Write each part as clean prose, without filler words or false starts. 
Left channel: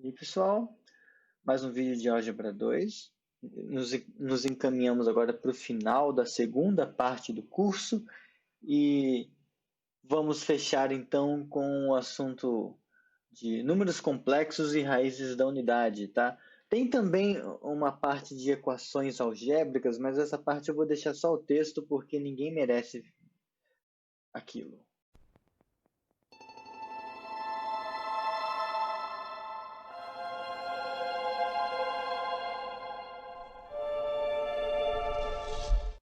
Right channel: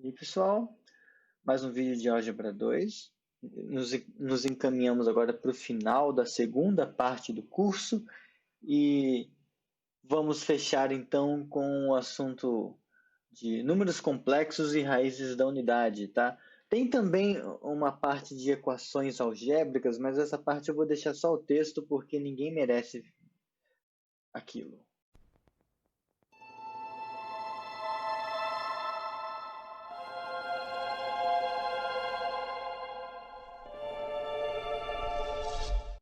E pessoal, mais um vídeo de álgebra 2. Nos encaminhamos agora para o final da segunda parte do curso e vamos fechar então com o assunto de números complexos e raízes da unidade, tá? Tem também uma parte de equações algébricas, mas essa parte eu vou deixar só o texto porque ninguém merece aquilo.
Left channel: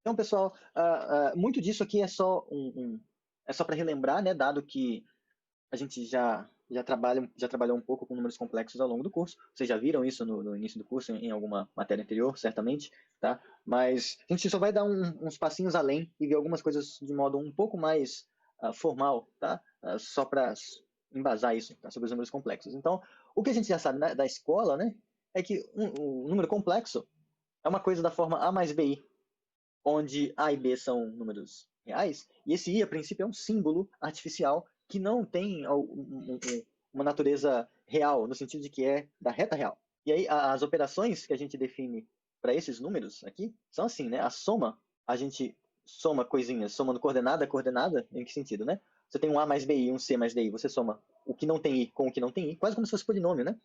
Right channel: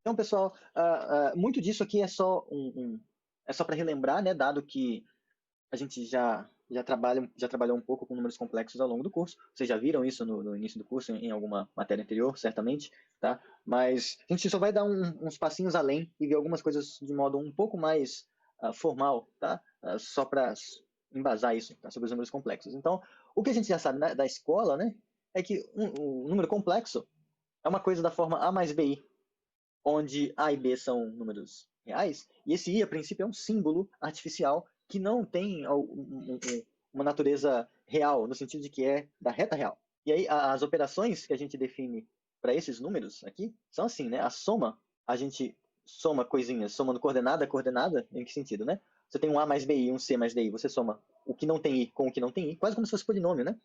Então, pessoal, muito disso aqui é só é só para relembrar, né? Dado que a gente já trabalhou um pouco com números complexos ao longo do curso. Vocês já viram isso no início do curso, em alguma matéria anterior, certamente, tá? Mas a gente só vai dar uns passinhos além e ver algumas coisas de modo um pouco mais formal, tá? Só para embasar isso, tá? Sobre os números complexos. Então, o que a gente já sabe da escola, né? É que o número complexo é uma coisa da forma A mais BI, onde A e B são números reais, e esse I, a princípio, é um símbolo artificial que não tem uma natureza real, no sentido de que é da reta real. E aí, as operações que a gente define para esses números aqui são assim, né? A soma, a gente soma coisinhas, somando coordenada a coordenada, em que sentido, né? Você tem um A mais BI e um C mais DI, você soma o que não tem I com o que não tem I, quase como se fosse polinômio, né?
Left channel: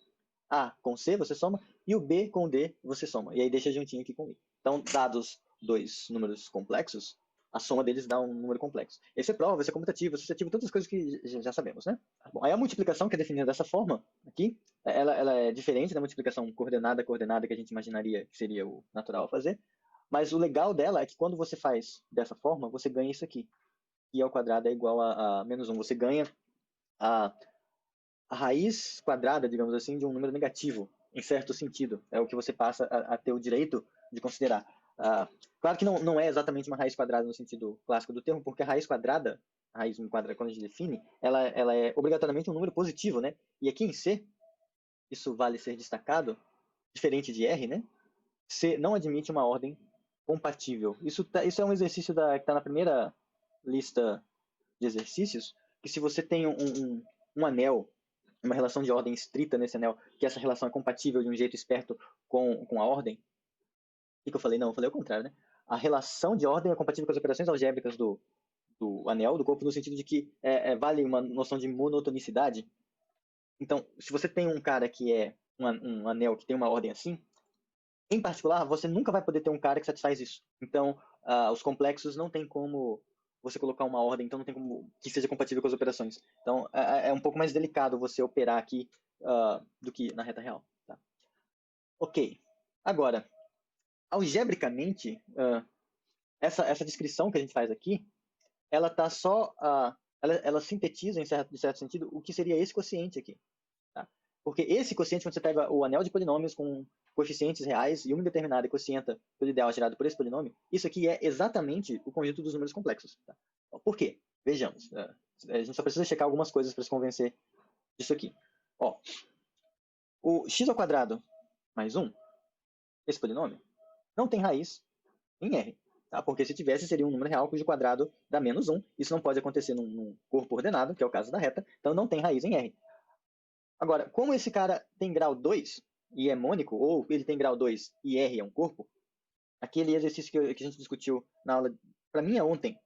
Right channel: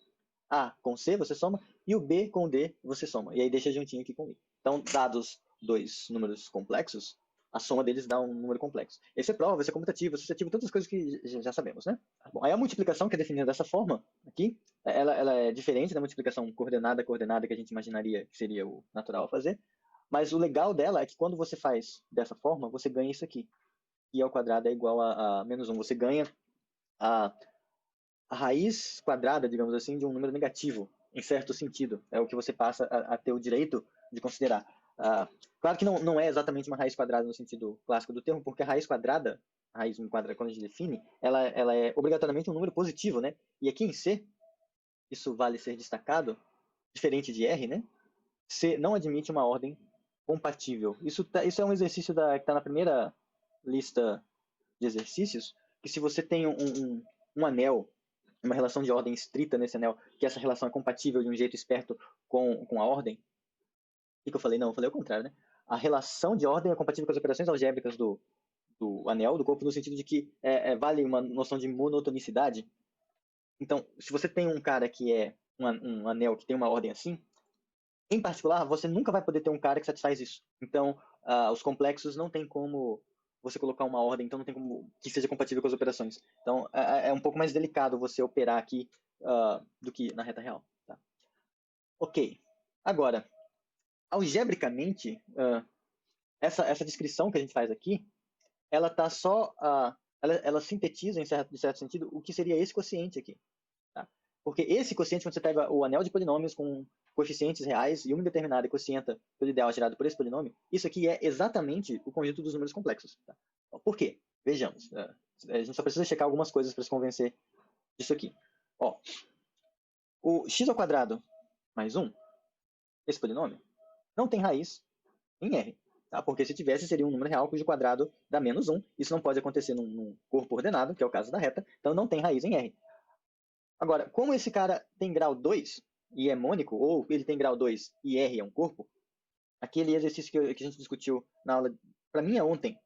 A com C você soma, e o B com o D você soma. E aí deixa juntinho aqui com o I. Então, dados dois números complexos, a soma deles dá um número complexo. Esse é prova, esse é comutativo, associativo, todas as coisas que já sabemos, né? Bom, aí a multiplicação, que é definida dessa forma, aqui, ela é diferente da multiplicação coordenada a coordenada que a gente imaginaria que seria o natural a fazer, mas o legal dela é que quando você faz dessa forma, você ganha isso aqui. I ao quadrado é igual a menos 1. Você ganha a raiz quadrada, digamos assim, de um número negativo, em certo sentido. É o que você passa a ter o direito de considerar. Claro que não é exatamente uma raiz quadrada no sentido clássico do termo, porque a raiz quadrada, quando a gente define, ela é obrigatoriamente um número positivo, né? E aqui em C, isso vale ser destacado, diferente de R, né? C não admite uma ordem compatível. Isso é um exercício que está na primeira lista de exercícios, que se você tem um anel, uma relação de ordem estrita nesse anel, que essa relação é compatível de um jeito esperto com a ordem. O que eu falei? Não, eu falei o contrário, né? A relação de ordem é compatível com as operações algébricas do anel, do corpo, no sentido de que vale uma noção de monotonicidade. Então, se você tem um cara que é um anel que tem uma ordem assim, em particular, você nunca vai poder ter um cara que satisfaz isso. Então, os complexos não tem como você colocar uma ordem, então não tem como que seja compatível com as operações. Então, é um pouco mais delicado você operar aqui do que na reta real. Tá? Ok. Agora, algebricamente, essa descrição que a gente faz aqui, ela tá só, ela sintetiza, em certo sentido, o que seria esse quociente aqui. Tá? Porque esse quociente, quando você pega o anel de polinômios com coeficientes reais e uma determinada quocienta pelo ideal gerado por esse polinômio, isso aqui é exatamente o conjunto dos números complexos. Tá? Por quê? Vejamos. A gente só precisa checar algumas coisas para se convencer disso aqui. Bom, o x ao quadrado mais 1, esse polinômio, não tem raiz em R. Tá? Porque se tivesse, seria um número real cujo quadrado dá menos 1. Isso não pode acontecer num corpo ordenado, que é o caso da reta, então não tem raiz em R. Agora, como esse cara tem grau 2 e é mônico, ou ele tem grau 2 e R é um corpo, aquele exercício que a gente discutiu na aula, para mim é ontem,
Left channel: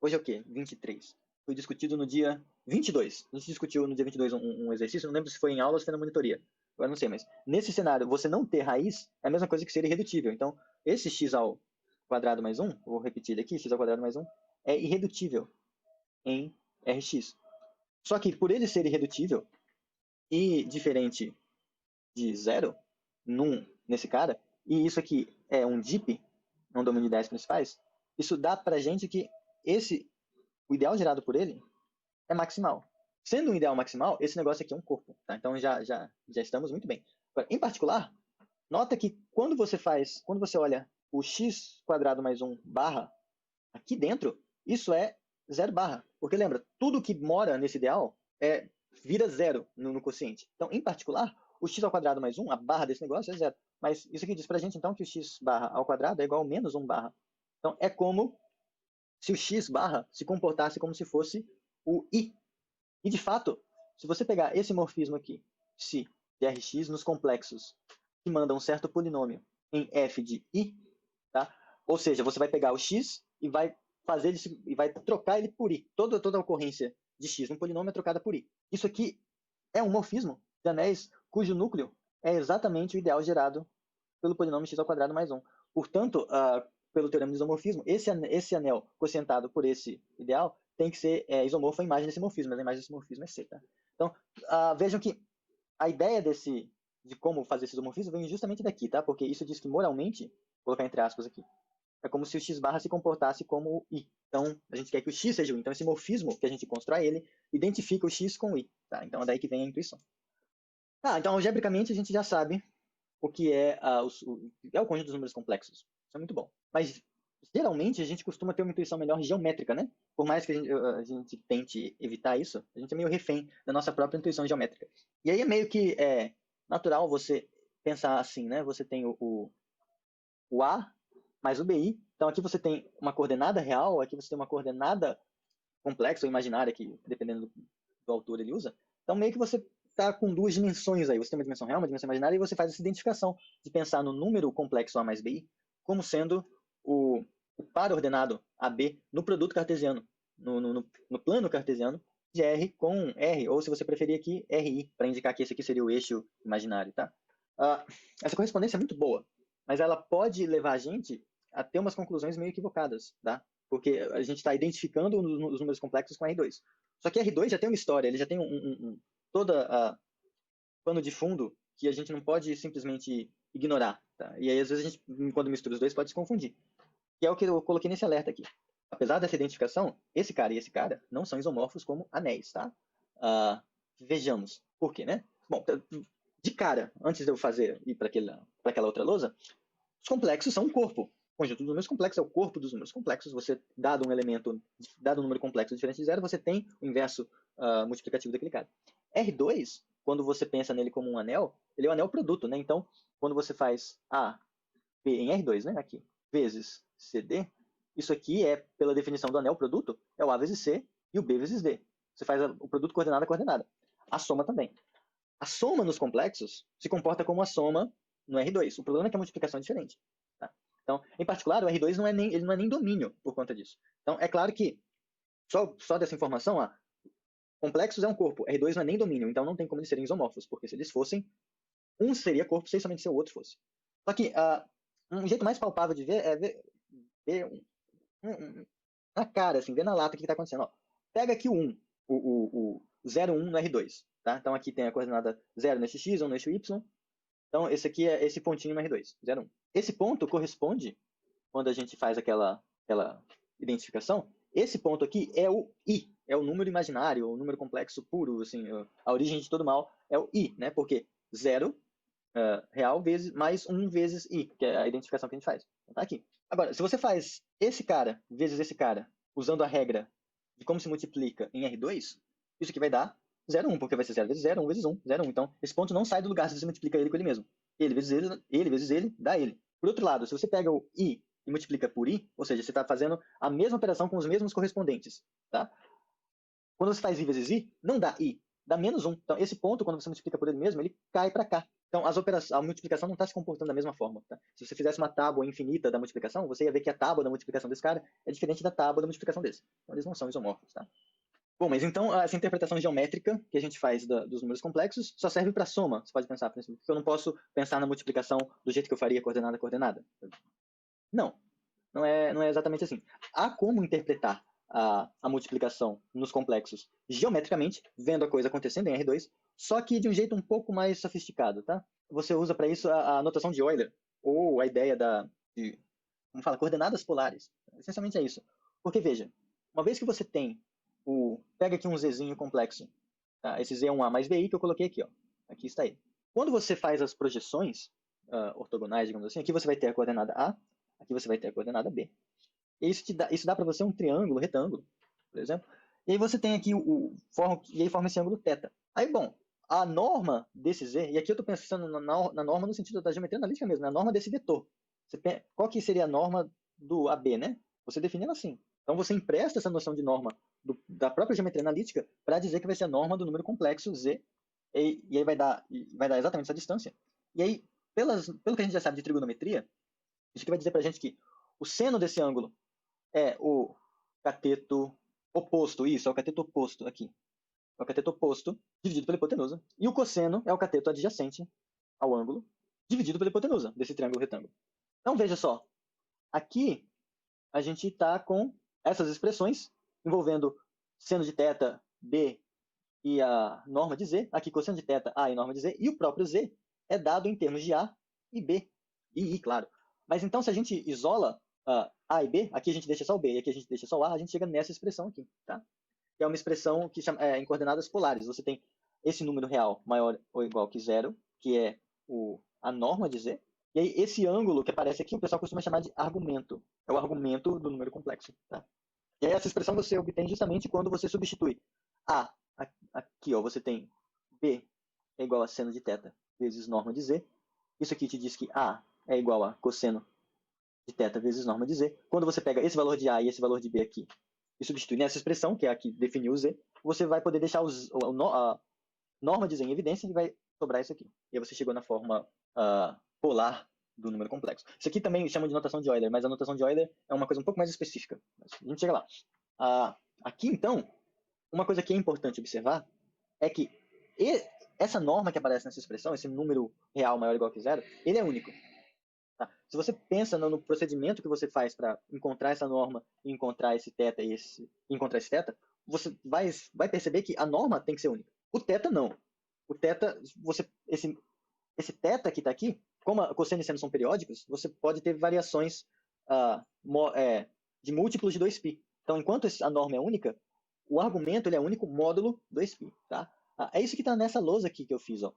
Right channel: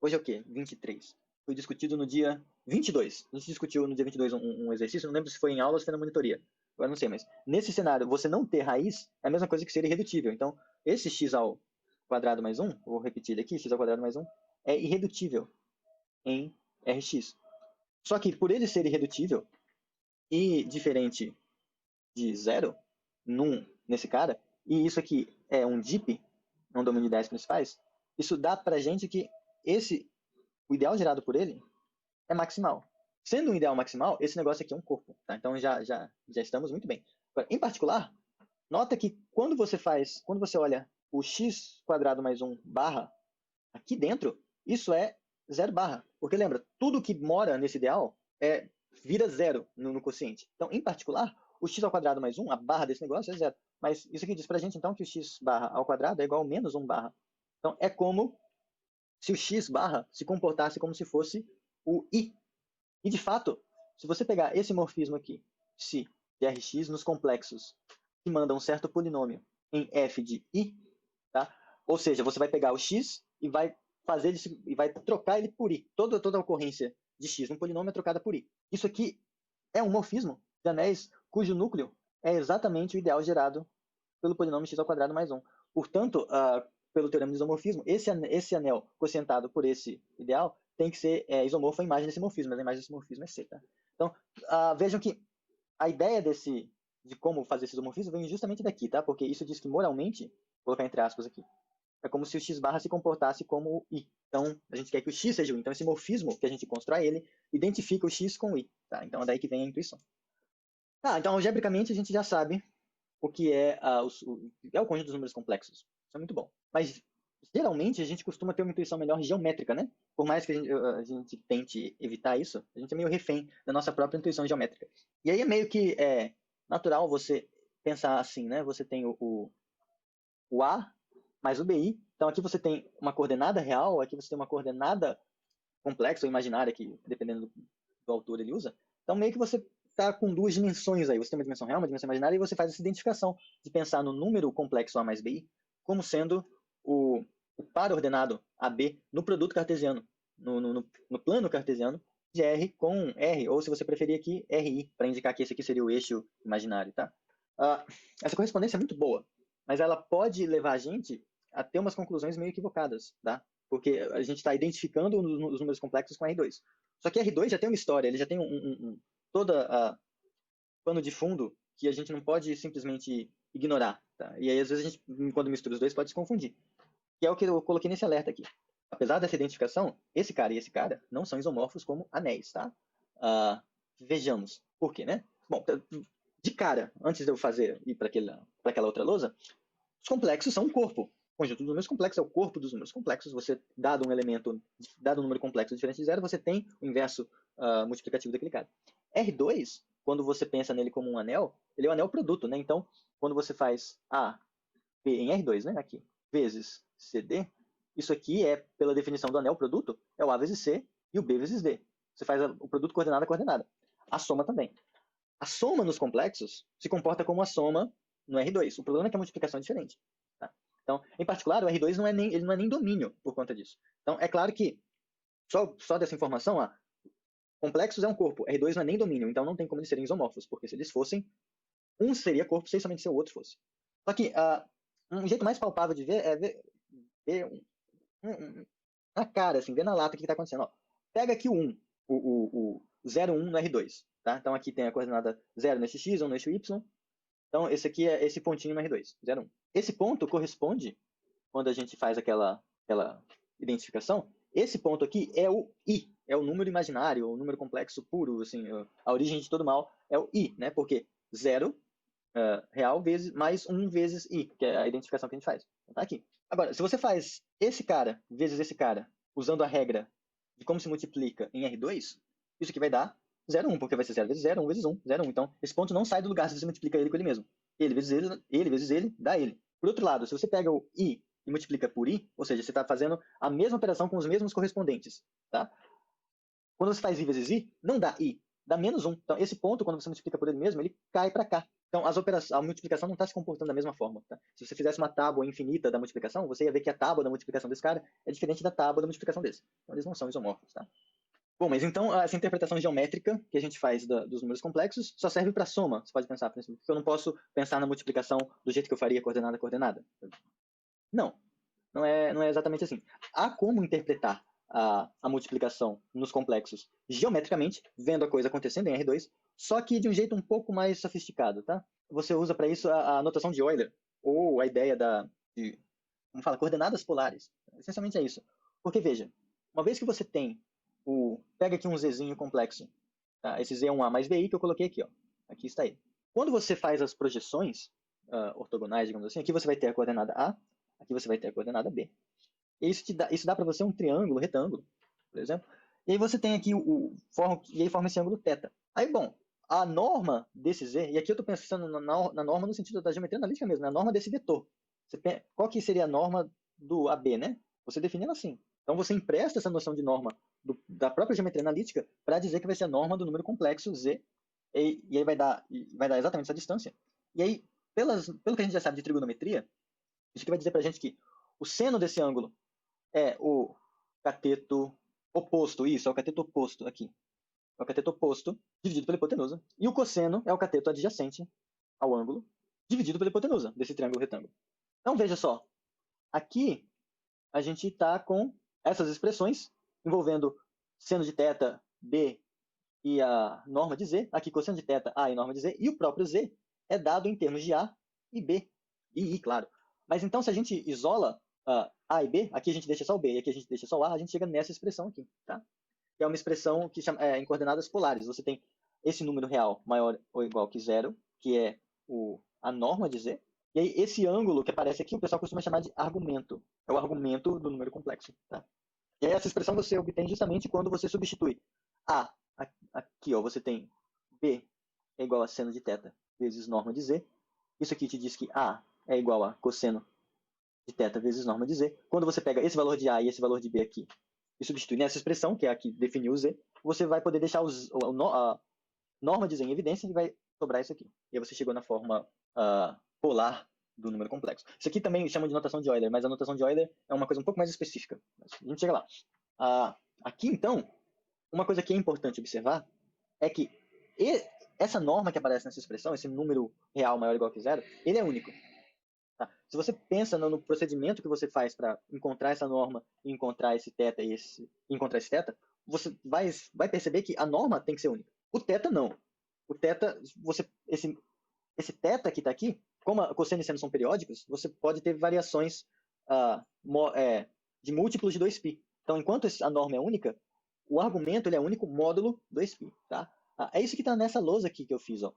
hoje é o quê? 23. Foi discutido no dia 22. A gente discutiu no dia 22 um exercício, não lembro se foi em aula ou se foi na monitoria. Agora não sei, mas nesse cenário, você não ter raiz é a mesma coisa que ser irredutível. Então, esse x ao quadrado mais 1, vou repetir aqui, x ao quadrado mais 1, é irredutível em Rx. Só que por ele ser irredutível e diferente de zero nesse cara, e isso aqui é um DIP, um domínio de ideias principais, isso dá pra gente que o ideal gerado por ele é maximal. Sendo um ideal maximal, esse negócio aqui é um corpo. Tá? Então já estamos muito bem. Agora, em particular, nota que quando você olha o x quadrado mais 1 barra, aqui dentro, isso é zero barra. Porque lembra, tudo que mora nesse ideal vira zero. Então, em particular, o x ao quadrado mais 1, a barra desse negócio é zero. Mas isso aqui diz pra gente, então, que o x barra ao quadrado é igual a menos 1 barra. Então, é como se x barra se comportasse como se fosse o i. E, de fato, se você pegar esse morfismo aqui, se de Rx nos complexos que mandam um certo polinômio em f de i, tá? Ou seja, você vai pegar o x e vai fazer ele e vai trocar ele por i. Toda a ocorrência de x num polinômio é trocada por i. Isso aqui é um morfismo de anéis cujo núcleo é exatamente o ideal gerado pelo polinômio x ao quadrado mais 1. Portanto, pelo teorema de isomorfismo, esse anel quocientado por esse ideal tem que ser isomorfo à imagem desse morfismo, mas a imagem desse morfismo é C. Tá? Então, vejam que a ideia de como fazer esse isomorfismo vem justamente daqui, tá? Porque isso diz que moralmente, vou colocar entre aspas aqui, é como se o x barra se comportasse como o i. Então, a gente quer que o x seja o i. Então, esse morfismo que a gente constrói, ele identifica o x com o i. Tá? Então, é daí que vem a intuição. Então, algebricamente, a gente já sabe o que é, o conjunto dos números complexos. Isso é muito bom. Mas, geralmente, a gente costuma ter uma intuição melhor geométrica, né? Por mais que a gente tente evitar isso, a gente é meio refém da nossa própria intuição geométrica. E aí é meio que natural você pensar assim, né? Você tem o A mais o BI. Então, aqui você tem uma coordenada real, aqui você tem uma coordenada complexa ou imaginária, que dependendo do autor ele usa. Então, meio que você está com duas dimensões aí. Você tem uma dimensão real, uma dimensão imaginária, e você faz essa identificação de pensar no número complexo A mais BI como sendo o par ordenado AB no produto cartesiano, no plano cartesiano de R com R, ou se você preferir aqui, RI, para indicar que esse aqui seria o eixo imaginário. Tá? Essa correspondência é muito boa, mas ela pode levar a gente a ter umas conclusões meio equivocadas, tá? Porque a gente está identificando os números complexos com R2. Só que R2 já tem uma história, ele já tem toda a pano de fundo que a gente não pode simplesmente ignorar, tá? E aí, às vezes, a gente, quando mistura os dois, pode se confundir. E é o que eu coloquei nesse alerta aqui. Apesar dessa identificação, esse cara e esse cara não são isomorfos como anéis, tá? Vejamos. Por quê, né? Bom, de cara, antes de eu ir para aquela outra lousa, os complexos são um corpo. O conjunto dos números complexos é o corpo dos números complexos. Você, dado um número complexo diferente de zero, você tem o inverso multiplicativo daquele cara. R2, quando você pensa nele como um anel, ele é um anel produto, né? Então, quando você faz A, B em R2, né? Aqui, vezes CD, isso aqui é, pela definição do anel produto, é o A vezes C e o B vezes D. Você faz o produto coordenada a coordenada. A soma também. A soma nos complexos se comporta como a soma no R2. O problema é que a multiplicação é diferente. Tá? Então, em particular, o R2 ele não é nem domínio por conta disso. Então, é claro que, só dessa informação, complexos é um corpo, R2 não é nem domínio, então não tem como eles serem isomorfos, porque se eles fossem, não seria corpo sem somente ser um corpo. Só que um jeito mais palpável de ver é ver na cara, assim, ver na lata o que está acontecendo. Ó, pega aqui o 1, o 0, 1 no R2. Tá? Então aqui tem a coordenada 0 no eixo x, 1 no eixo y. Então esse aqui é esse pontinho no R2, 0, 1. Esse ponto corresponde, quando a gente faz aquela identificação, esse ponto aqui é o i, é o número imaginário, o número complexo puro, assim, a origem de todo mal é o i, né? Porque 0 real mais 1 vezes i, que é a identificação que a gente faz. Aqui. Agora, se você faz esse cara vezes esse cara, usando a regra de como se multiplica em R2, isso aqui vai dar 0, 1, porque vai ser 0 vezes 0, 1 vezes 1, 0, 1. Então, esse ponto não sai do lugar se você multiplica ele com ele mesmo. Ele vezes ele, dá ele. Por outro lado, se você pega o i e multiplica por i, ou seja, você está fazendo a mesma operação com os mesmos correspondentes. Tá? Quando você faz i vezes i, não dá i, dá menos 1. Então, esse ponto, quando você multiplica por ele mesmo, ele cai para cá. Então, a multiplicação não está se comportando da mesma forma. Tá? Se você fizesse uma tábua infinita da multiplicação, você ia ver que a tábua da multiplicação desse cara é diferente da tábua da multiplicação desse. Então, eles não são isomorfos. Tá? Bom, mas então, essa interpretação geométrica que a gente faz dos números complexos só serve para soma. Você pode pensar não, não é exatamente assim. Há como interpretar a multiplicação nos complexos geometricamente, vendo a coisa acontecendo em R2, só que de um jeito um pouco mais sofisticado, tá? Você usa para isso a notação de Euler, ou a ideia de como fala, coordenadas polares. Essencialmente é isso. Porque, veja, uma vez que você tem pega aqui um zzinho complexo, tá? Esse z é um a mais bi que eu coloquei aqui, ó. Aqui está ele. Quando você faz as projeções ortogonais, digamos assim, aqui você vai ter a coordenada A, aqui você vai ter a coordenada B. Isso dá para você um triângulo retângulo, por exemplo. E aí você tem aqui e aí forma esse ângulo θ. A norma desse z, e aqui eu estou pensando na norma no sentido da geometria analítica mesmo, na norma desse vetor. Qual que seria a norma do AB, né? Você define ela assim. Então você empresta essa noção de norma da própria geometria analítica para dizer que vai ser a norma do número complexo z E aí vai dar exatamente essa distância. E aí, pelo que a gente já sabe de trigonometria, isso aqui vai dizer pra gente que o seno desse ângulo é o cateto oposto. Isso, é o cateto oposto aqui. É o cateto oposto dividido pela hipotenusa. E o cosseno é o cateto adjacente ao ângulo dividido pela hipotenusa desse triângulo retângulo. Então, veja só. Aqui, a gente está com essas expressões envolvendo seno de θ, B e a norma de Z. Aqui, cosseno de θ, A e norma de Z. E o próprio Z é dado em termos de A e B. E I, claro. Mas então, se a gente isola A e B, aqui a gente deixa só o B e aqui a gente deixa só o A, a gente chega nessa expressão aqui. Tá? Que é uma expressão que chama, em coordenadas polares. Você tem esse número real maior ou igual que zero, que é a norma de Z. E aí, esse ângulo que aparece aqui, o pessoal costuma chamar de argumento. É o argumento do número complexo. Tá? E essa expressão você obtém justamente quando você substitui A. Aqui, ó, você tem B é igual a seno de θ vezes norma de Z. Isso aqui te diz que A é igual a cosseno de θ vezes norma de Z. Quando você pega esse valor de A e esse valor de B aqui e substitui nessa expressão, que é a que definiu o Z, você vai poder deixar a norma de Z em evidência e vai sobrar isso aqui. E aí você chegou na forma polar do número complexo. Isso aqui também chama de notação de Euler, mas a notação de Euler é uma coisa um pouco mais específica. Mas a gente chega lá. Aqui, então, uma coisa que é importante observar é que essa norma que aparece nessa expressão, esse número real maior ou igual que zero, ele é único. Tá? Se você pensa no procedimento que você faz para encontrar essa norma, encontrar esse θ e encontrar esse θ, você vai perceber que a norma tem que ser única. O θ não. O θ, esse θ que está aqui, como a cosseno e seno são periódicos, você pode ter variações de múltiplos de 2π. Então, enquanto a norma é única, o argumento ele é único módulo 2π. Tá? É isso que está nessa lousa aqui que eu fiz. Ó.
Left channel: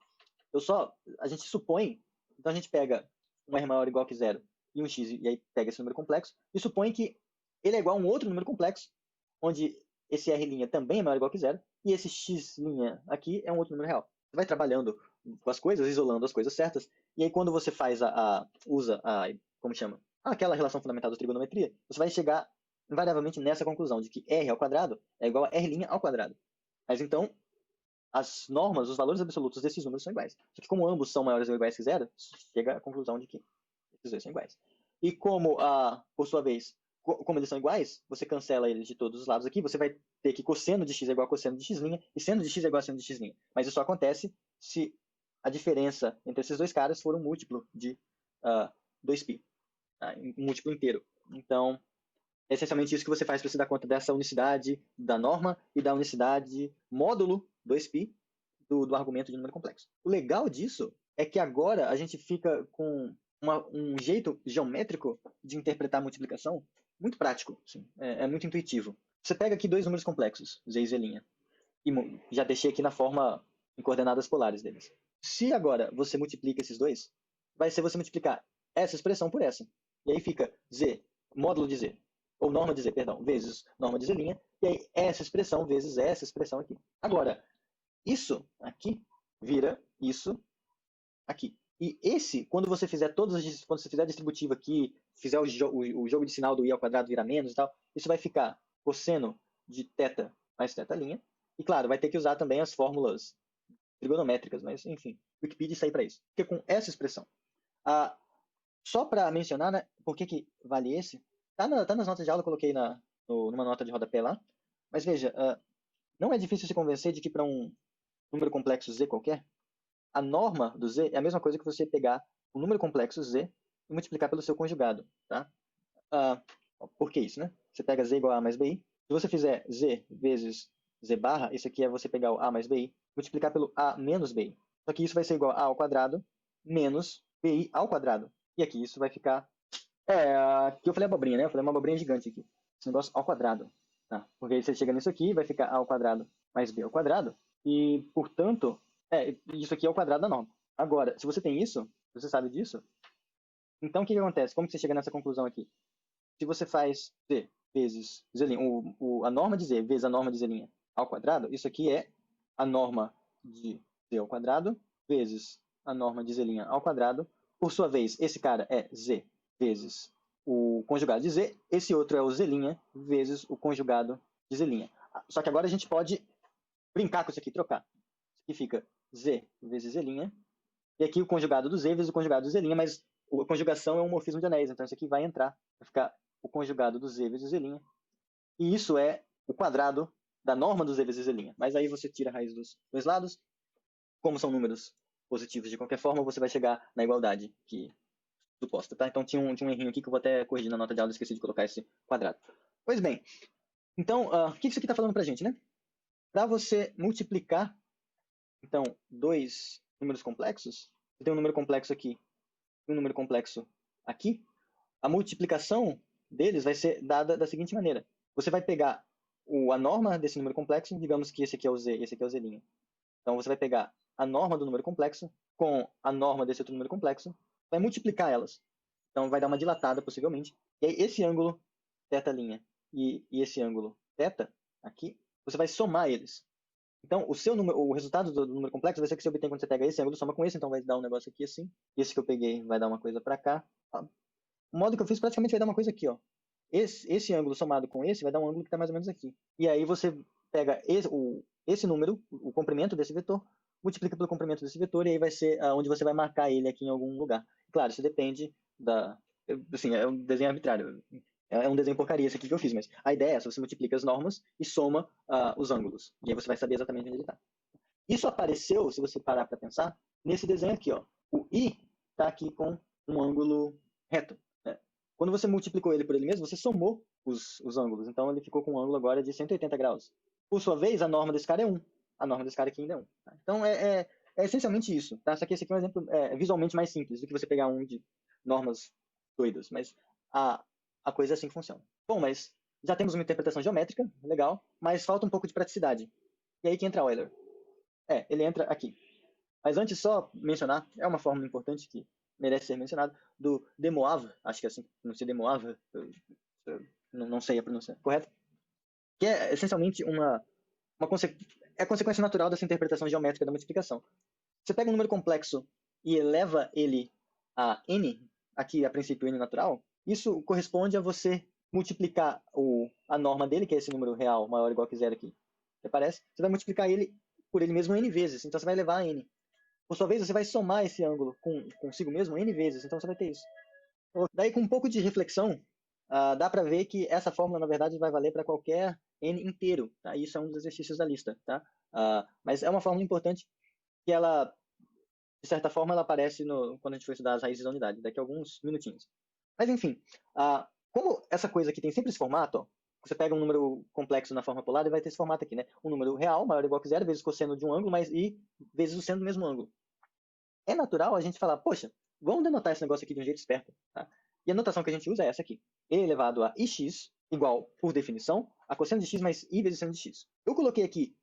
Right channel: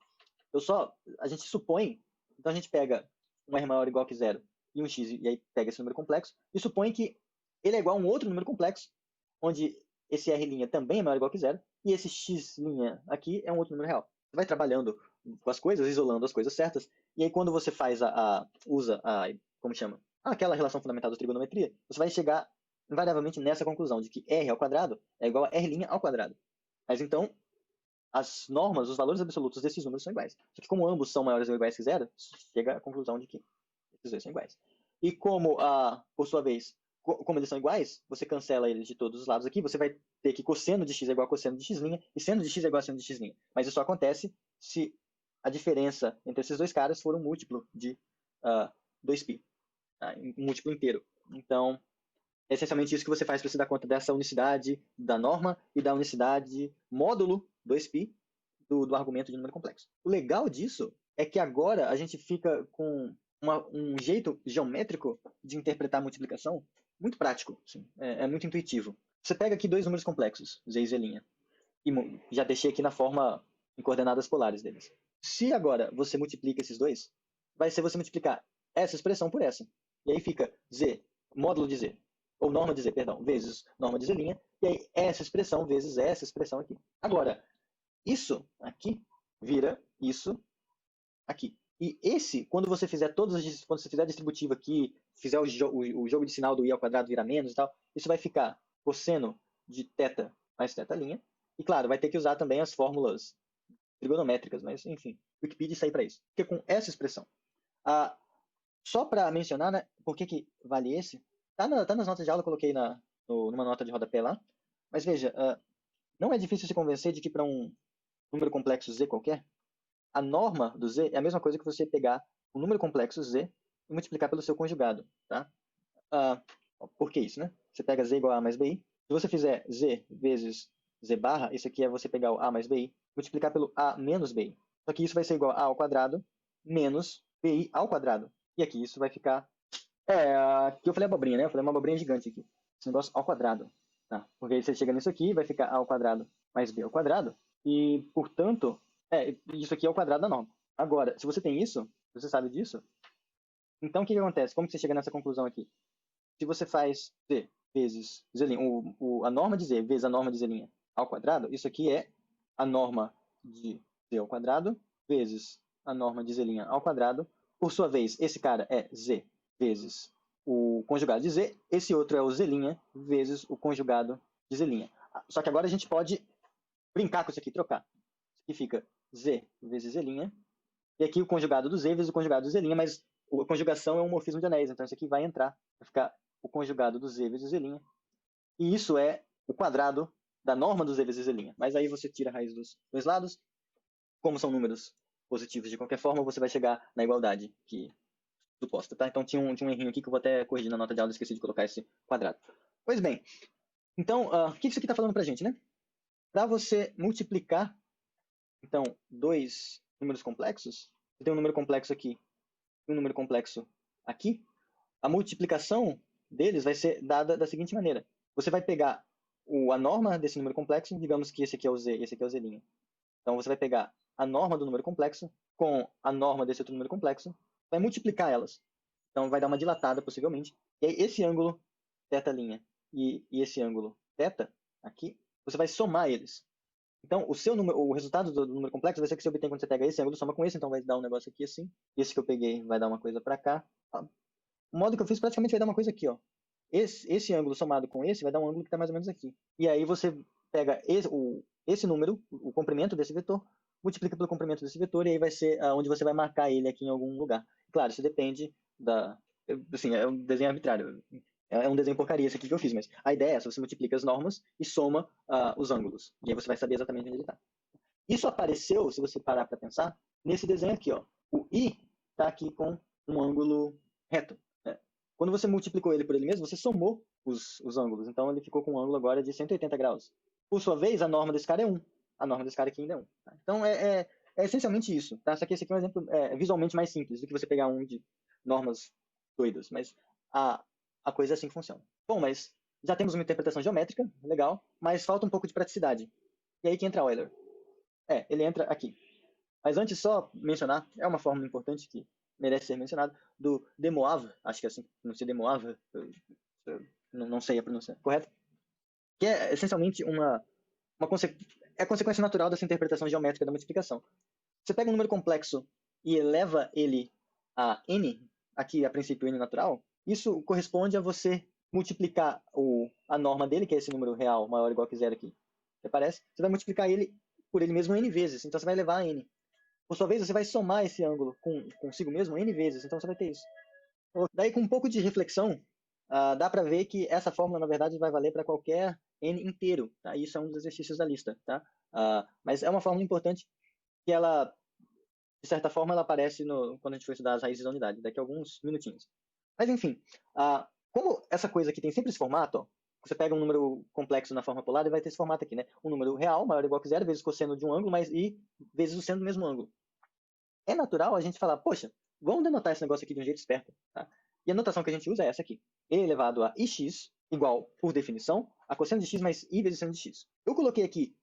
A gente supõe, então a gente pega um R maior ou igual que zero e um x, e aí pega esse número complexo, e supõe que ele é igual a um outro número complexo, onde esse R' também é maior ou igual que zero, e esse x' aqui é um outro número real. Você vai trabalhando com as coisas, isolando as coisas certas, e aí quando você faz usa como chama? Aquela relação fundamental da trigonometria, você vai chegar invariavelmente nessa conclusão, de que R ao quadrado é igual a R' ao quadrado. Mas então, as normas, os valores absolutos desses números são iguais. Como ambos são maiores ou iguais que zero, chega à conclusão de que esses dois são iguais. E como, por sua vez, como eles são iguais, você cancela eles de todos os lados aqui, você vai ter que cosseno de x é igual a cosseno de x' e seno de x é igual a seno de x'. Mas isso só acontece se a diferença entre esses dois caras for um múltiplo de 2π, tá? Um múltiplo inteiro. Então, é essencialmente isso que você faz para você dar conta dessa unicidade da norma e da unicidade módulo 2π do argumento de número complexo. O legal disso é que agora um jeito geométrico de interpretar a multiplicação muito prático, assim, é muito intuitivo. Você pega aqui dois números complexos, z e z', e já deixei aqui na forma em coordenadas polares deles. Se agora você multiplica esses dois, vai ser você multiplicar essa expressão por essa. E aí fica z, módulo de z, ou norma de z, perdão, vezes norma de z', e aí essa expressão vezes essa expressão aqui. Agora, isso aqui vira isso aqui. E esse, quando você fizer quando você fizer a distributiva aqui, fizer o jogo de sinal do i ao quadrado virar menos e tal, isso vai ficar cosseno de θ mais θ'. E claro, vai ter que usar também as fórmulas trigonométricas, mas enfim, Wikipedia está aí para isso. Fica com essa expressão. Só para mencionar, né, por que vale esse? Tá nas notas de aula, eu coloquei numa nota de rodapé lá. Mas veja, não é difícil se convencer de que para um número complexo z qualquer, a norma do z é a mesma coisa que você pegar um número complexo z e multiplicar pelo seu conjugado. Por que isso, né? Você pega z igual a mais bi. Se você fizer z vezes z barra, isso aqui é você pegar o a mais bi, multiplicar pelo a menos bi. Só que isso vai ser igual a ao quadrado menos bi ao quadrado. E aqui isso vai ficar... aqui eu falei abobrinha, né? Eu falei uma abobrinha gigante aqui. Esse negócio ao quadrado. Tá. Porque aí você chega nisso aqui, vai ficar a ao quadrado mais b ao quadrado. E, portanto, isso aqui é o quadrado da norma. Agora, se você tem isso, você sabe disso, conclusão aqui. Se você faz z vezes z', a norma de z vezes a norma de z' ao quadrado, isso aqui é a norma de z ao quadrado vezes a norma de z' ao quadrado. Por sua vez, esse cara é z vezes o conjugado de z, esse outro é o z' vezes o conjugado de z'. Só que agora a gente pode brincar com isso aqui, trocar. Significa Z vezes Z', e aqui o conjugado do Z vezes o conjugado do Z', mas a conjugação é um morfismo de anéis, então isso aqui vai entrar. Vai ficar o conjugado do Z vezes Z', e isso é o quadrado da norma do Z vezes Z'. Mas aí você tira a raiz dos dois lados, como são números positivos de qualquer forma, você vai chegar na igualdade que suposta, tá? Então tinha um errinho aqui que eu vou até corrigir na nota de aula, esqueci de colocar esse quadrado. Pois bem, então, o que isso aqui está falando pra gente, né? Para você multiplicar, então, dois números complexos, você tem um número complexo aqui, um número complexo aqui, a multiplicação deles vai ser dada da seguinte maneira. Você vai pegar a norma desse número complexo, digamos que esse aqui é o Z, esse aqui é o Z'. Então, você vai pegar a norma do número complexo com a norma desse outro número complexo, vai multiplicar elas. Então, vai dar uma dilatada, possivelmente. E aí, esse ângulo, θ' e esse ângulo θ, aqui, você vai somar eles. Então, o resultado do número complexo vai ser que você obtém quando você pega esse ângulo, soma com esse, então vai dar um negócio aqui assim. Esse que eu peguei vai dar uma coisa para cá. O modo que eu fiz praticamente vai dar uma coisa aqui, ó. Esse ângulo somado com esse vai dar um ângulo que tá mais ou menos assim. E aí você pega esse número, o comprimento desse vetor, multiplica pelo comprimento desse vetor, e aí vai ser onde você vai marcar ele aqui em algum lugar. Claro, isso depende da... Assim, é um desenho arbitrário. Não é um desenho como esse aqui que eu fiz, mas a ideia é essa, você multiplica as normas. Isso apareceu, se você parar para pensar, nesse desenho aqui, ó. O I está aqui com um ângulo reto, né? Quando você multiplicou ele por ele mesmo, você somou os ângulos. Então ele ficou com um ângulo agora de 180 graus. Por sua vez, a norma desse cara é 1. A norma desse cara aqui ainda é 1. Tá? Então é essencialmente isso. Tá? Só que esse aqui é um exemplo visualmente mais simples do que você pegar um de normas doidas. Mas a coisa é assim que funciona. Bom, mas já temos uma interpretação geométrica, legal, mas falta um pouco de praticidade. E aí que entra Euler. Ele entra aqui. Mas antes, só mencionar, é uma fórmula importante que merece ser mencionada, do de Moivre, acho que é assim, não sei, de Moivre, não sei a pronúncia correta, que é essencialmente é consequência natural dessa interpretação geométrica da multiplicação. Você pega um número complexo e eleva ele a n, aqui a princípio n natural, isso corresponde a você multiplicar a norma dele, que é esse número real maior ou igual que zero aqui, que aparece, você vai multiplicar ele por ele mesmo n vezes, então você vai elevar a n. Por sua vez, você vai somar esse ângulo consigo mesmo n vezes, então você vai ter isso. Daí, com um pouco de reflexão, dá para ver que essa fórmula, na verdade, vai valer para qualquer n inteiro. Tá? Isso é um dos exercícios da lista. Tá? Mas é uma fórmula importante que ela, de certa forma, ela aparece quando a gente for estudar as raízes da unidade, daqui a alguns minutinhos. Mas, enfim, como essa coisa aqui tem sempre esse formato, ó, você pega um número complexo na forma polar e vai ter esse formato aqui, né? Um número real, maior ou igual que zero, vezes cosseno de um ângulo, mais i vezes o seno do mesmo ângulo. É natural a gente falar, poxa, vamos denotar esse negócio aqui de um jeito esperto. Tá? E a notação que a gente usa é essa aqui. E elevado a ix igual, por definição, a cosseno de x mais i vezes seno de x. Eu coloquei aqui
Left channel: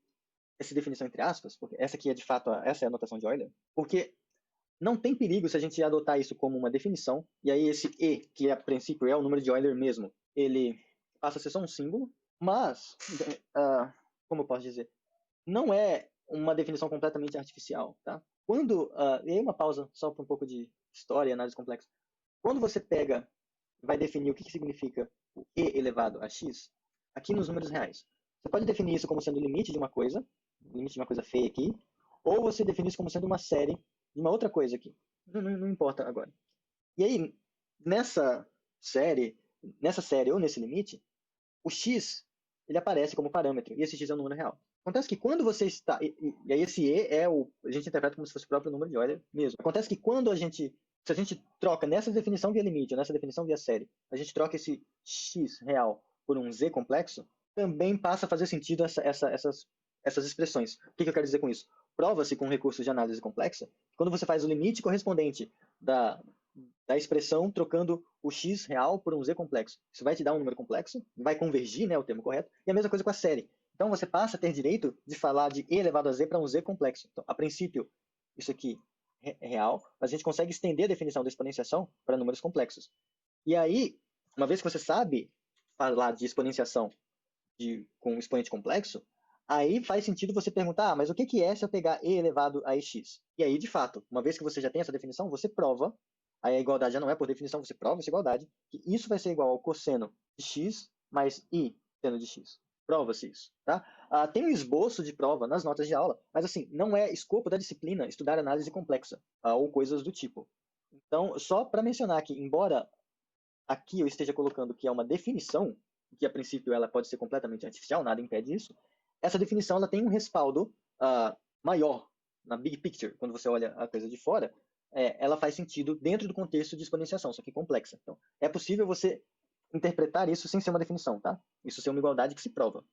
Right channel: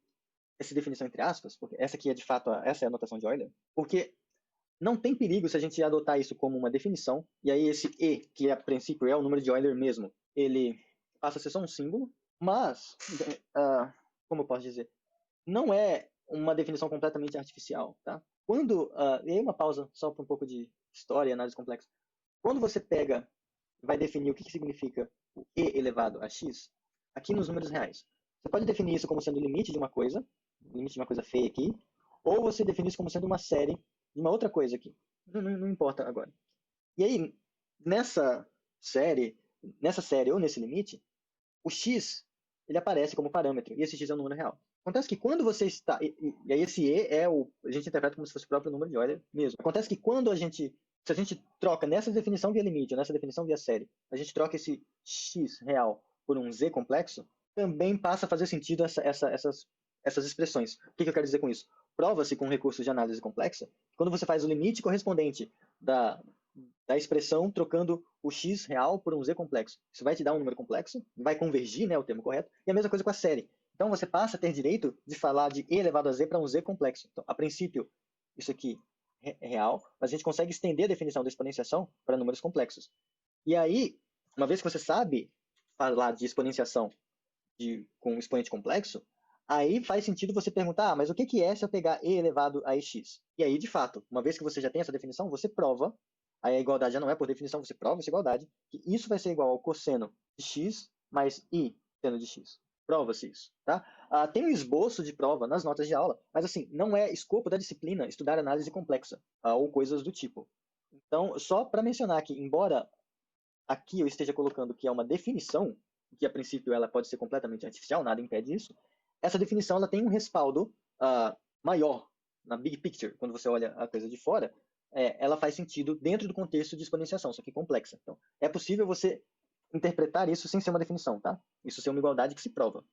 essa definição entre aspas, porque essa aqui é de fato, essa é a notação de Euler, porque não tem perigo se a gente adotar isso como uma definição, e aí esse e, que a princípio é o número de Euler mesmo, ele passa a ser só um símbolo, mas, como eu posso dizer, não é uma definição completamente artificial, tá? E aí uma pausa só para um pouco de história, análise complexa. Quando você vai definir o que significa o e elevado a x, aqui nos números reais, você pode definir isso como sendo o limite de uma coisa feia aqui, ou você define isso como sendo uma série de uma outra coisa aqui. Não importa agora. E aí, nessa série ou nesse limite, o x ele aparece como parâmetro, e esse x é um número real. Acontece que quando você está... E aí esse e a gente interpreta como se fosse o próprio número de Euler mesmo. Acontece que se a gente troca nessa definição via limite, ou nessa definição via série, a gente troca esse x real por um z complexo, também passa a fazer sentido essas expressões. O que eu quero dizer com isso? Prova-se com recursos de análise complexa, quando você faz o limite correspondente da expressão trocando o x real por um z complexo. Isso vai te dar um número complexo, vai convergir, né, o termo correto, e a mesma coisa com a série. Então você passa a ter direito de falar de e elevado a z para um z complexo. Então, a princípio, isso aqui é real, mas a gente consegue estender a definição da exponenciação para números complexos. E aí, uma vez que você sabe falar de exponenciação com um expoente complexo, aí faz sentido você perguntar, mas o que é se eu pegar e elevado a x? E aí, de fato, uma vez que você já tem essa definição, você prova, aí a igualdade já não é por definição, você prova essa igualdade, que isso vai ser igual ao cosseno de x mais i seno de x. prova-se isso, tá? Tem um esboço de prova nas notas de aula, mas assim, não é escopo da disciplina estudar análise complexa, ou coisas do tipo. Então, só para mencionar que, embora aqui eu esteja colocando que é uma definição, que a princípio ela pode ser completamente artificial, nada impede isso, essa definição ela tem um respaldo maior na big picture, quando você olha a coisa de fora, ela faz sentido dentro do contexto de exponenciação, só que complexa. Então, é possível você interpretar isso sem ser uma definição, tá? Isso ser uma igualdade que se prova,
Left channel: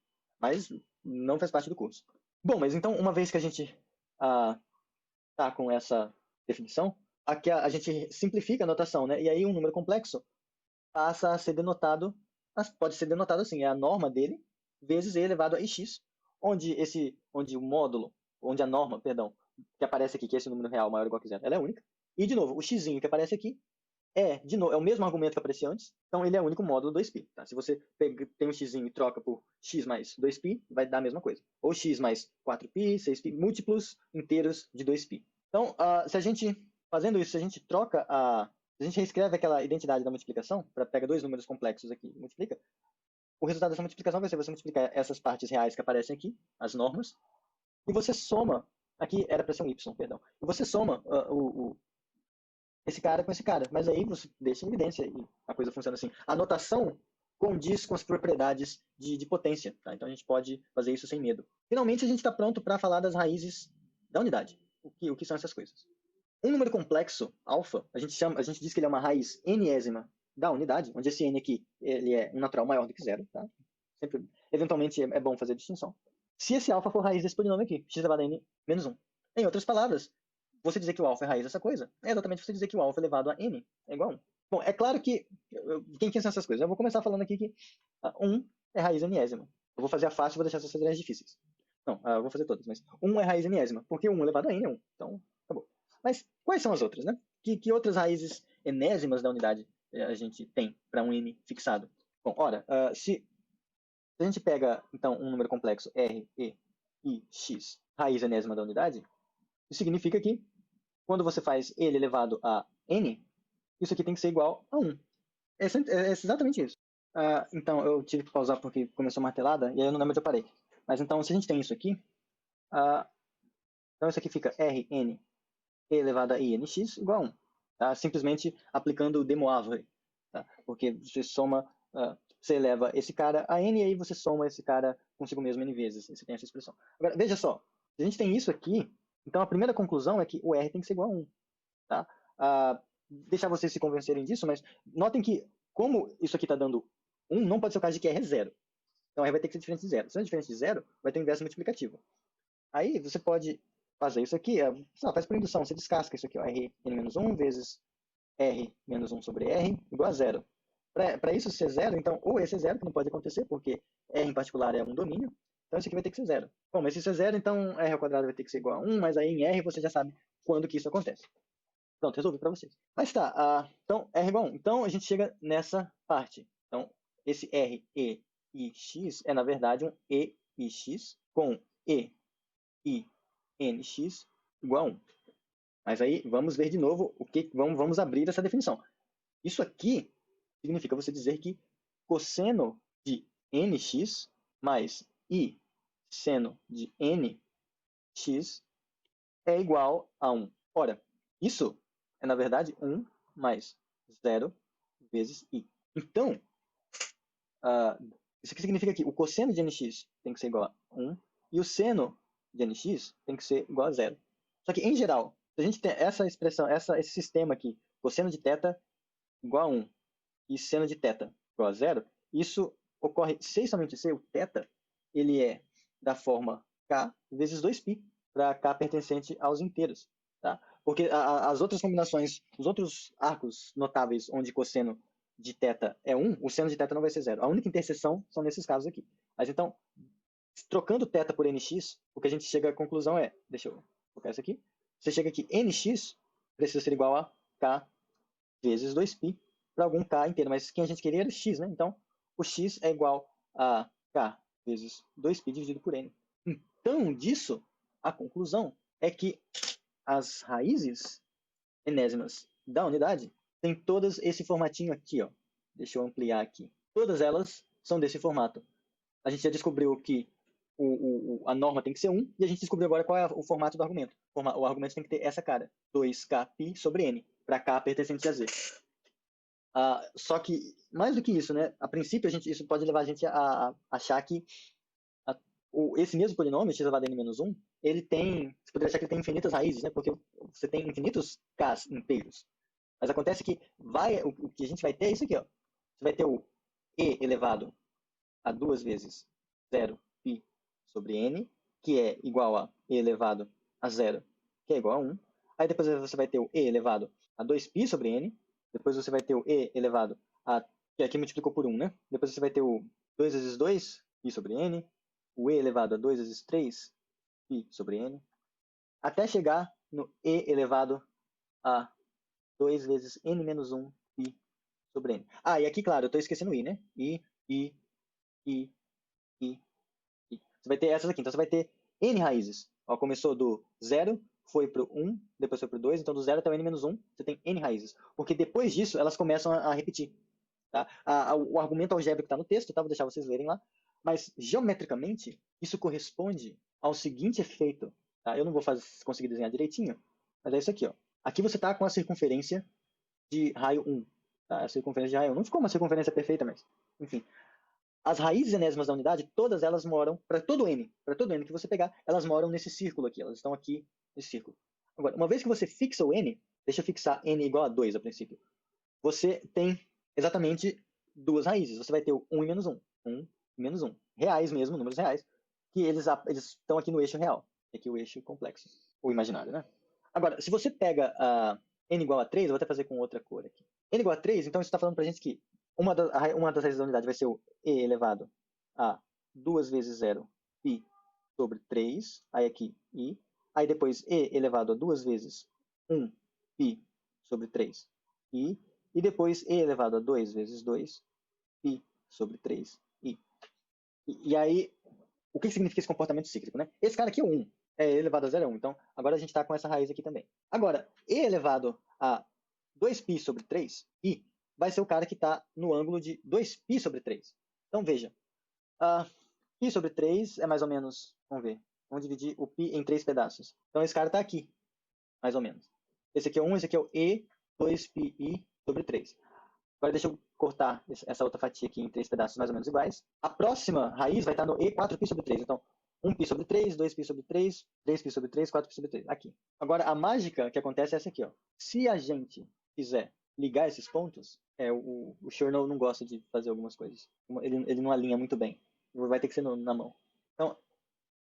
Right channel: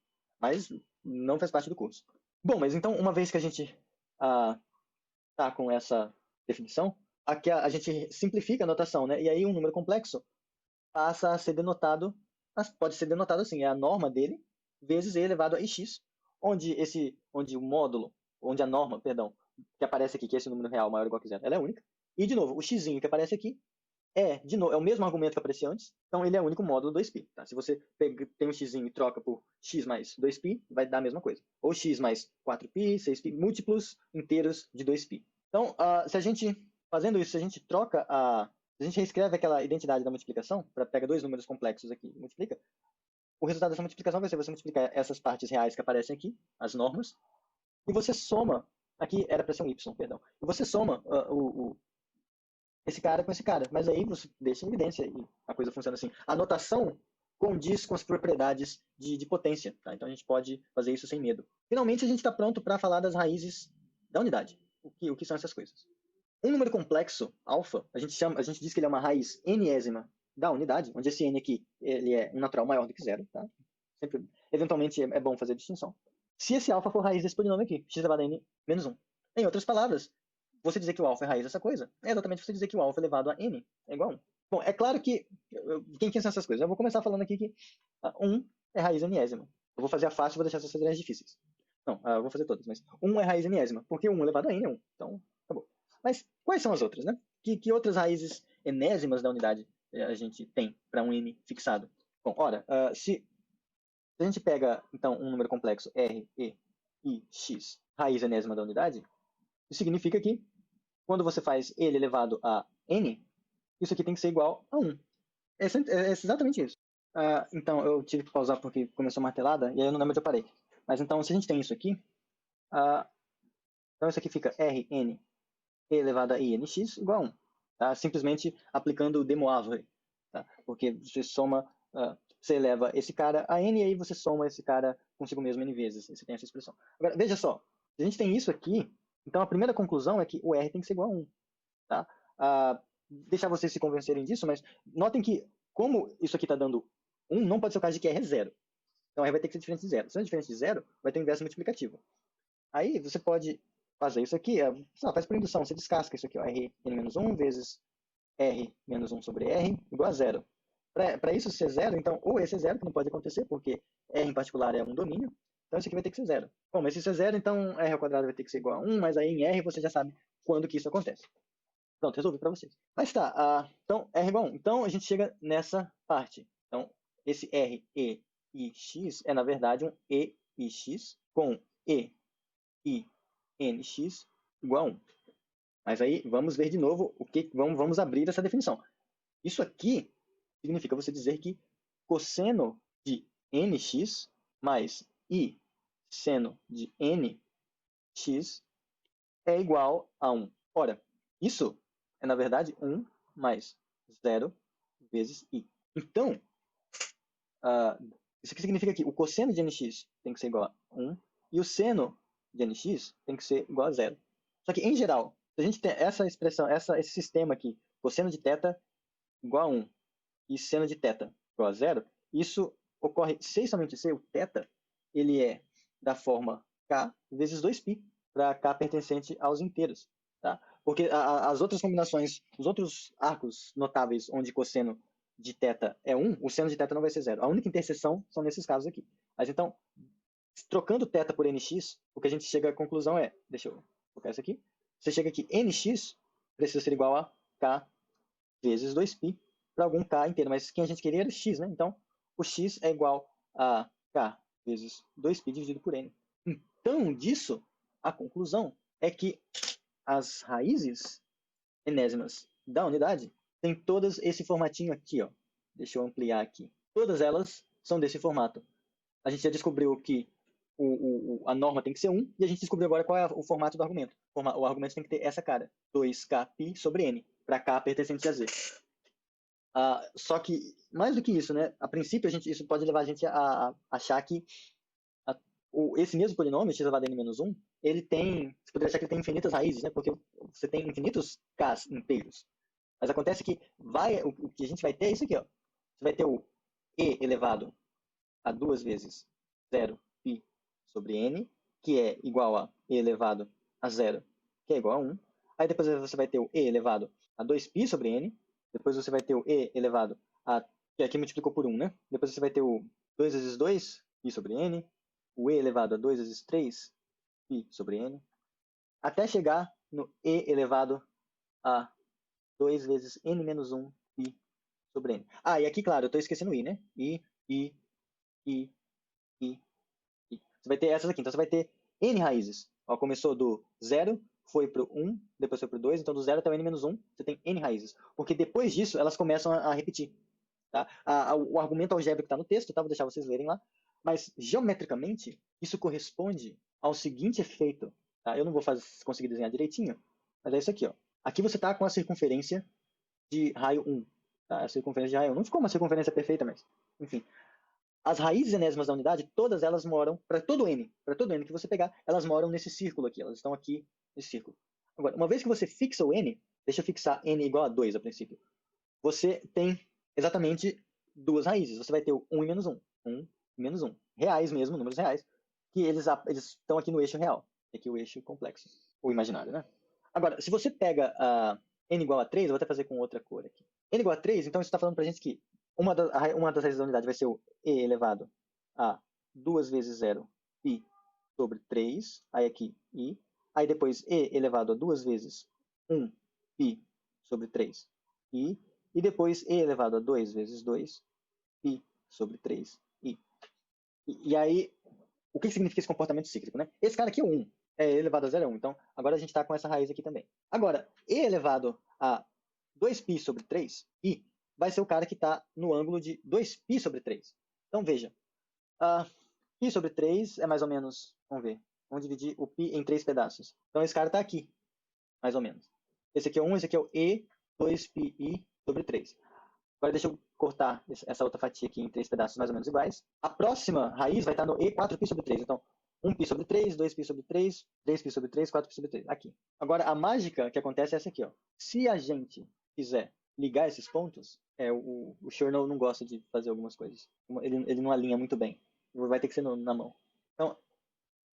mas não faz parte do curso. Bom, mas então, uma vez que a gente tá com essa definição, aqui a gente simplifica a notação, né? E aí um número complexo passa a ser denotado, pode ser denotado assim, é a norma dele, vezes e elevado a x, onde o módulo, onde a norma, perdão, que aparece aqui, que é esse número real maior ou igual a zero, ela é única. De novo, é o mesmo argumento que aparecia antes, então ele é o único módulo 2π. Se você tem um x e troca por x mais 2π, vai dar a mesma coisa. Ou x mais 4π, 6π, múltiplos inteiros de 2π. Então, se a gente troca a gente reescreve aquela identidade da multiplicação, pega dois números complexos aqui e multiplica, o resultado dessa multiplicação vai ser você multiplicar essas partes reais que aparecem aqui, as normas, e você soma, aqui era para ser um y, perdão, e você soma esse cara com esse cara, mas aí você deixa em evidência e a coisa funciona assim. A notação condiz com as propriedades de potência, tá? Então a gente pode fazer isso sem medo. Finalmente a gente está pronto para falar das raízes da unidade. O que são essas coisas? Um número complexo, alfa, a gente diz que ele é uma raiz enésima da unidade, onde esse n aqui ele é um natural maior do que zero, tá? Eventualmente é bom fazer a distinção. Se esse alfa for raiz desse polinômio aqui, x elevado a n menos 1. Em outras palavras, você dizer que o alfa é raiz dessa coisa é exatamente você dizer que o alfa elevado a n é igual a 1. Bom, é claro que quem pensa essas coisas? Eu vou começar falando aqui que 1 é raiz enésima. Eu vou fazer a fácil e vou deixar essas fazerem as difíceis. Mas são as outras, né? Que outras raízes enésimas da unidade a gente tem para um n fixado? Bom, ora, se a gente pega, então, um número complexo r, e, i, x, raiz enésima da unidade, isso significa que, quando você faz ele elevado a n, isso aqui tem que ser igual a 1. É exatamente isso. Então, eu tive que pausar porque começou a martelada, e aí eu não lembro onde eu parei. Mas então, se a gente tem isso aqui, então isso aqui fica Rn e elevado a Inx igual a 1. Tá? Simplesmente aplicando o de Moivre. Tá? Porque você soma, você eleva esse cara a n, e aí você soma esse cara consigo mesmo n vezes. Você tem essa expressão. Agora, veja só. Se a gente tem isso aqui, então a primeira conclusão é que o R tem que ser igual a 1. Tá? Deixar vocês se convencerem disso, mas notem que, como isso aqui está dando 1, não pode ser o caso de que R é 0. Então R vai ter que ser diferente de 0. Se é diferente de 0, vai ter um inverso multiplicativo. Aí você pode fazer isso aqui, faz por indução, você descasca isso aqui, ó, Rn-1 vezes R-1 sobre R igual a 0. Para isso ser 0, então, ou esse é 0, que não pode acontecer, porque R em particular é um domínio, então isso aqui vai ter que ser 0. Bom, mas se isso é 0, então R ao quadrado vai ter que ser igual a 1, mas aí em R você já sabe quando que isso acontece. Pronto, resolvi para vocês. Mas tá, então R igual a 1. Então a gente chega nessa parte. Então, esse R, E e X é, na verdade, um E e X com E e NX igual a 1. Mas aí vamos ver de novo vamos abrir essa definição. Isso aqui significa você dizer que cosseno de nx mais i seno de nx é igual a 1. Ora, isso é, na verdade, 1 mais 0 vezes i. Então, isso aqui significa que o cosseno de nx tem que ser igual a 1 e o seno de nx tem que ser igual a 0. Só que, em geral, se a gente tem essa expressão, esse sistema aqui, cosseno de θ igual a 1 e seno de θ igual a 0, isso ocorre se somente se o θ ele é da forma k vezes 2π, para k pertencente aos inteiros. Tá? Porque as outras combinações, os outros arcos notáveis onde cosseno de θ é 1, o seno de θ não vai ser 0. A única interseção são nesses casos aqui. Mas então, trocando θ por nx, o que a gente chega à conclusão é, deixa eu colocar isso aqui, você chega aqui, nx precisa ser igual a k vezes 2π para algum k inteiro, mas quem a gente queria era x, né? Então, o x é igual a k vezes 2π dividido por n. Então, disso, a conclusão é que as raízes enésimas da unidade têm todas esse formatinho aqui, ó. Deixa eu ampliar aqui. Todas elas são desse formato. A gente já descobriu que a norma tem que ser 1, e a gente descobriu agora qual é o formato do argumento. O argumento tem que ter essa cara, 2kπ sobre n, para k pertencente a z. Só que, mais do que isso, né? A princípio, isso pode levar a gente a achar que esse mesmo polinômio, x elevado a n-1, ele tem, você poderia achar que ele tem infinitas raízes, né? Porque você tem infinitos k's inteiros. Mas acontece que o que a gente vai ter é isso aqui, ó. Você vai ter o e elevado a 2 vezes 0π sobre n, que é igual a e elevado a 0, que é igual a 1. Aí depois você vai ter o e elevado a 2π sobre n. Depois você vai ter o e elevado a, que aqui multiplicou por 1, né? Depois você vai ter o 2 vezes 2 π sobre n. O e elevado a 2 vezes 3 π sobre n. Até chegar no e elevado a 2 vezes n menos 1 π sobre n. E aqui, claro, eu estou esquecendo o i, né? I. Você vai ter essas aqui. Então, você vai ter n raízes. Ó, começou do 0, foi para o 1, depois foi para o 2. Então, do 0 até o n menos 1, você tem n raízes. Porque depois disso, elas começam a repetir. Tá? O argumento algébrico está no texto, tá? Vou deixar vocês lerem lá. Mas, geometricamente, isso corresponde ao seguinte efeito. Eu não vou conseguir desenhar direitinho. Mas é isso aqui, ó. Aqui você está com a circunferência de raio 1. Tá? A circunferência de raio 1. Não ficou uma circunferência perfeita, mas... Enfim. As raízes enésimas da unidade, todas elas moram, para todo n que você pegar, elas moram nesse círculo aqui, elas estão aqui nesse círculo. Agora, uma vez que você fixa o n, deixa eu fixar n igual a 2 a princípio, você tem exatamente duas raízes. Você vai ter o 1 e menos 1. 1 e menos 1. Reais mesmo, números reais, que eles estão aqui no eixo real. Aqui o eixo complexo, ou imaginário, né? Agora, se você pega n igual a 3, eu vou até fazer com outra cor aqui. N igual a 3, então você está falando para a gente que uma das raízes da unidade vai ser o e elevado a 2 vezes 0 π sobre 3. Aí depois e elevado a 2 vezes 1 π sobre 3 i. E depois e elevado a 2 vezes 2 π sobre 3 i. E aí, o que significa esse comportamento cíclico, né? Esse cara aqui é 1. É e elevado a 0 é 1. Então, agora a gente está com essa raiz aqui também. Agora, e elevado a 2π sobre 3 i vai ser o cara que está no ângulo de 2π sobre 3. Então, veja. π sobre 3 é mais ou menos... Vamos ver. Vamos dividir o π em 3 pedaços. Então, esse cara está aqui. Mais ou menos. Esse aqui é 1, esse aqui é o e 2πi sobre 3. Agora, deixa eu cortar essa outra fatia aqui em 3 pedaços mais ou menos iguais. A próxima raiz vai estar no e 4π sobre 3. Então, 1π sobre 3, 2π sobre 3, 3π sobre 3, 4π sobre 3. Aqui. Agora, a mágica que acontece é essa aqui, ó. Se a gente quiser ligar esses pontos, o senhor não gosta de fazer algumas coisas. Ele não alinha muito bem. Vai ter que ser na mão. Então,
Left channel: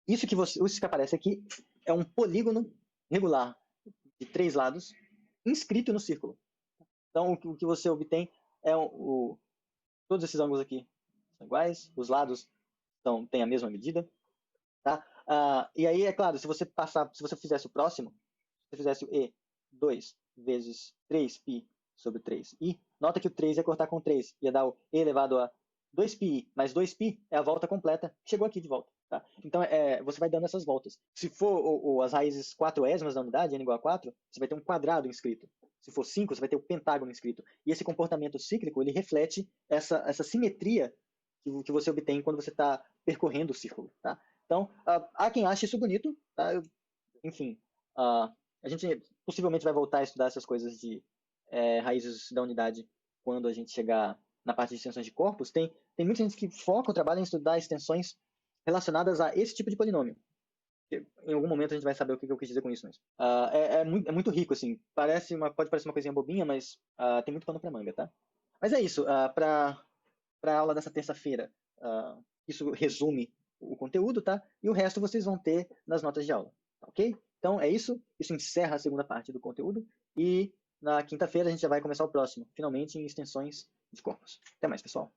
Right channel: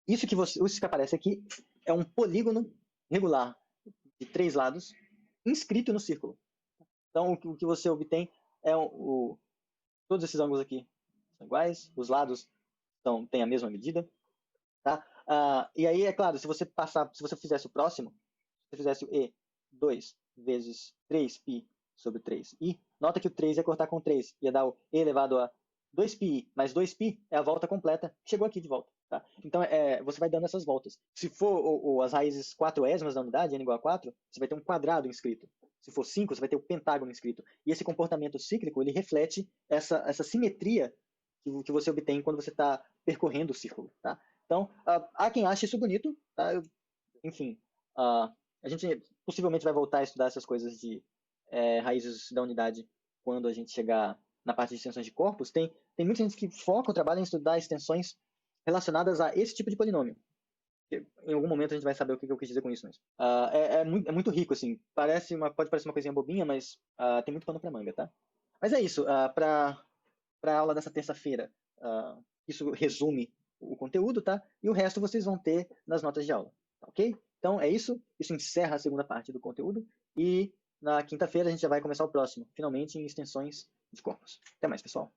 isso que aparece aqui é um polígono regular de 3 lados inscrito no círculo. Então, o que você obtém é todos esses ângulos aqui são iguais, os lados têm a mesma medida. Tá? E aí, é claro, se você fizesse o próximo, se você fizesse e 2 vezes 3π sobre 3i, nota que o 3 ia cortar com 3, ia dar o e elevado a 2πi, mais 2π é a volta completa, chegou aqui de volta. Tá? Então, você vai dando essas voltas. Se for as raízes 4ésmas da unidade, n igual a 4, você vai ter um quadrado inscrito. Se for 5, você vai ter o pentágono inscrito. E esse comportamento cíclico, ele reflete essa simetria que você obtém quando você está percorrendo o círculo. Tá? Então, há quem ache isso bonito. Tá? Enfim, a gente possivelmente vai voltar a estudar essas coisas de raízes da unidade quando a gente chegar na parte de extensões de córpus. Tem muitas que foram relacionadas a esse tipo de polinômio. Em algum momento a gente vai saber o que eu quis dizer com isso mesmo. É muito rico, assim. Pode parecer uma coisinha bobinha, mas tem muito pano pra manga, tá? Mas é isso. Pra aula dessa terça-feira, isso resume o conteúdo, tá? E o resto vocês vão ter nas notas de aula. Ok? Então é isso. Isso encerra a segunda parte do conteúdo. E na quinta-feira a gente já vai começar o próximo, finalmente em extensões de corpos. Até mais, pessoal.